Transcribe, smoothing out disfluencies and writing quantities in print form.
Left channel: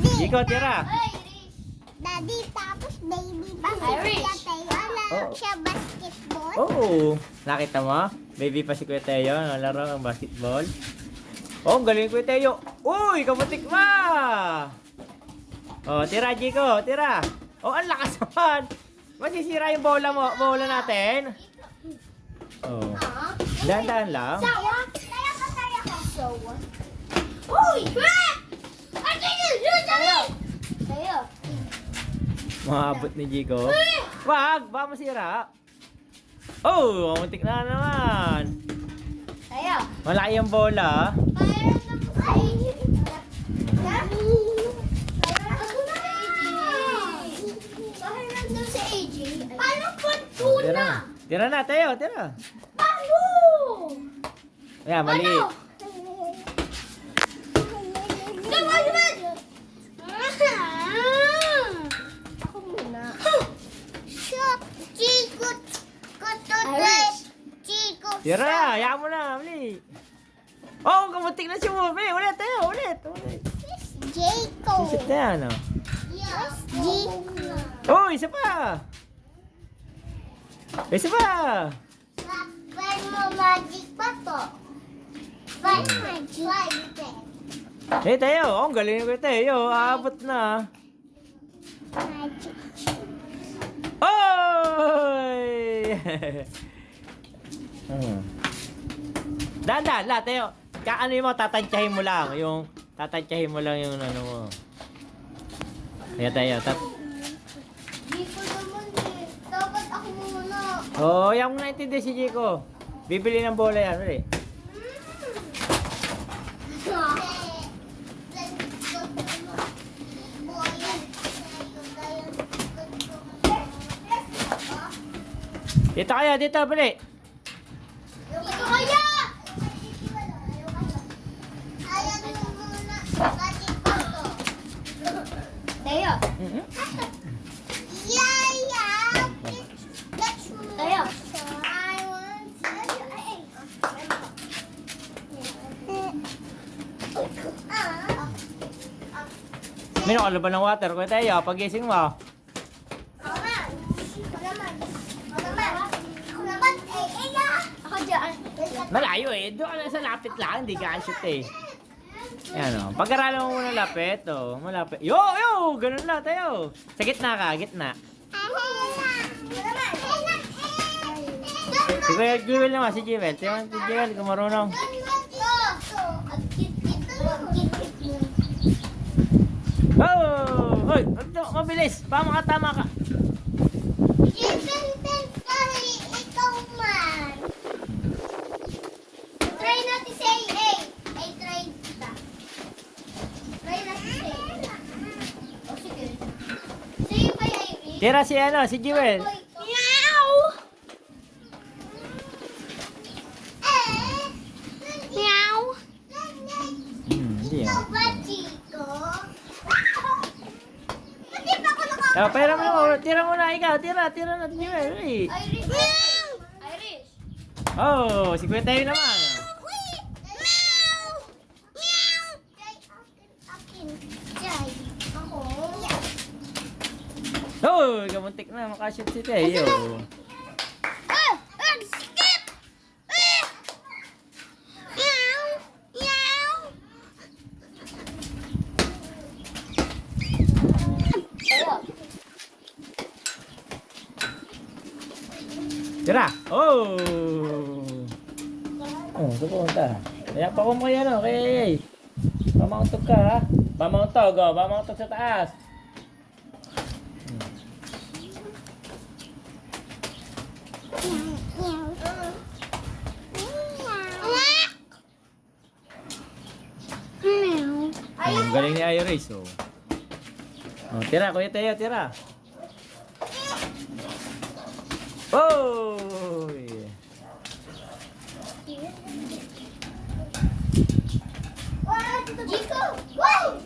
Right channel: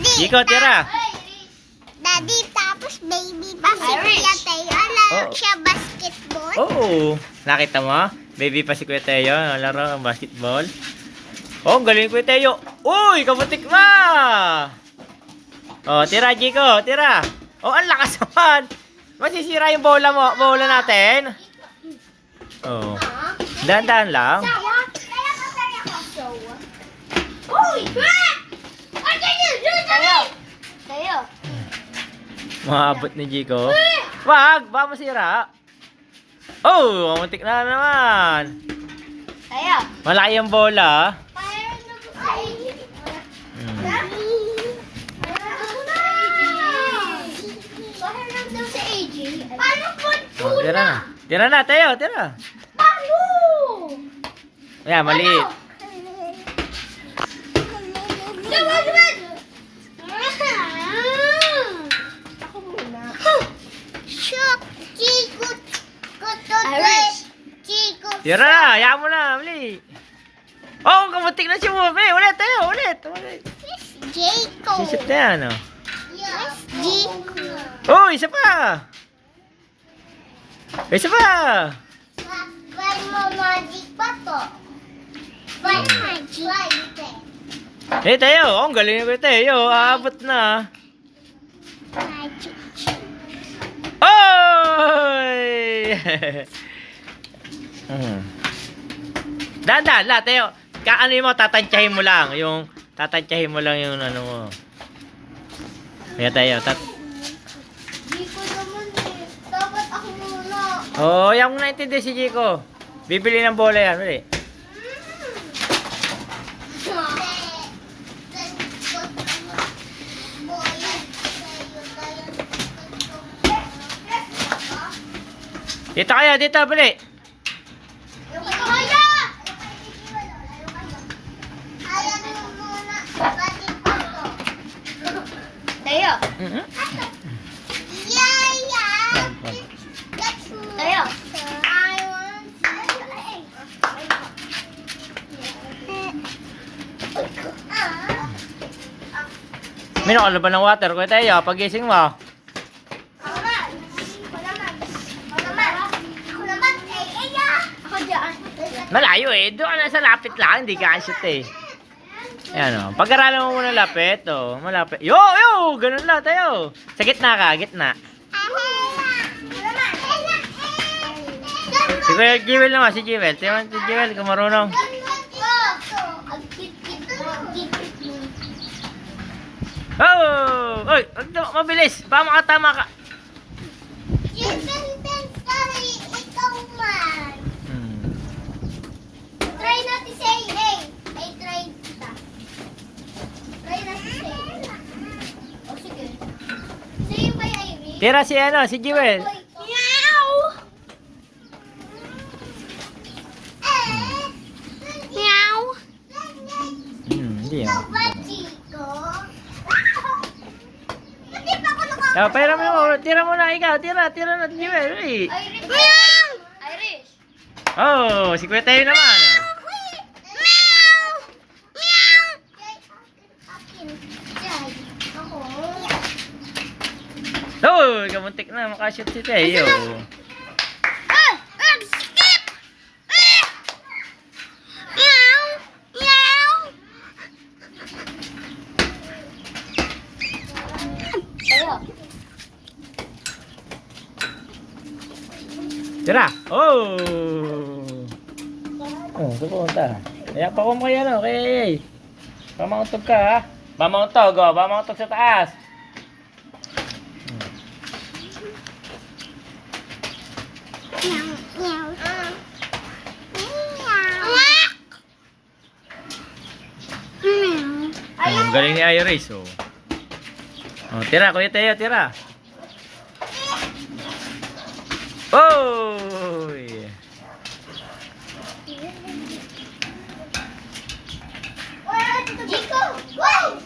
Jiko, tira. Daddy, tapos baby pa si Kuya Teo. Laro siya basketball. Oo. Nakita mo? Baby pa si Kuya Teo. Laro ng basketball. Oh, ang galing Kuya Teo. Uy, kabutik ma! Oh, tira, Jiko. Tira. Oh, ang lakas naman. Masisira yung bola mo. Bola natin. Oh. Dahan-dahan lang. Uy! Tayo. Maabot ni Jiko. Wag, baka masira. Oh, mamuntik na naman. Tayo. Malaki yung bola. Oh, tira na. Tira na, Teo, tira. Ayan, maliit. Tira na, hayaan mo na, mali. Oh, kamutik na siya mo. Ulit, Teo, ulit. Jacob. Sisip na yan, oh. Jacob. Oh, isa pa. Isa pa. Five mo magic pa to. Five magic. Eh, Teo, oh, ang galing ko, Teo. Aabot na. Magic. Oy! Dahan-dahan la, Teo. Kaano mo, tatantyahin mo lang. Tatantyahin mo lang yung ano mo. Kaya Teo, Di ko naman eh. Dapat ako muna. oh, yung naintindi si Jiko. Bibili ng bola yan, mali. Dito kayo, dito, bali. Tayo. Tayo. Minum ka na ba ng water? Kuya Teo, pagising mo. Malayo eh. Doon ka na sa lapit lang. Hindi ka shoot eh. Ayan o. Pag-aralan mo muna lapit. O, malapit. Yo! Ganun lang tayo. Sa gitna ka. Gitna. Si Kuya Jewel naman. Si Jewel. Tingnan si Jewel kung marunong. Oh! Oy! Mabilis. Baka makatama ka. Ikaw man. Try natin si A. Ay, try kita. Try natin si A. O, sige. Sige pa yung Amy. Tira si ano, si Jewel. Meow! Meow! Hindi ah. Ba, Chico? Hindi pa ako naka... Oh, pera mo naman. Tira mo na ikaw. Tira na si Jewel. Uy. Meow! Irish! Oh, si Kuya Teo naman. Meow! Meow! Oh, kamuntik na. Makashoot si Teo. Skip! Meow! Meow! Tira. Oh. Oh, saan pumunta? Kaya pa ko mo kay ano, kay Pamauntog ka ha. Pamauntog, oh. Pamauntog sa taas. Ang galing ni Iris, oh. Oh, tira, Kuya Teo, tira. Oh! Chico! Wow!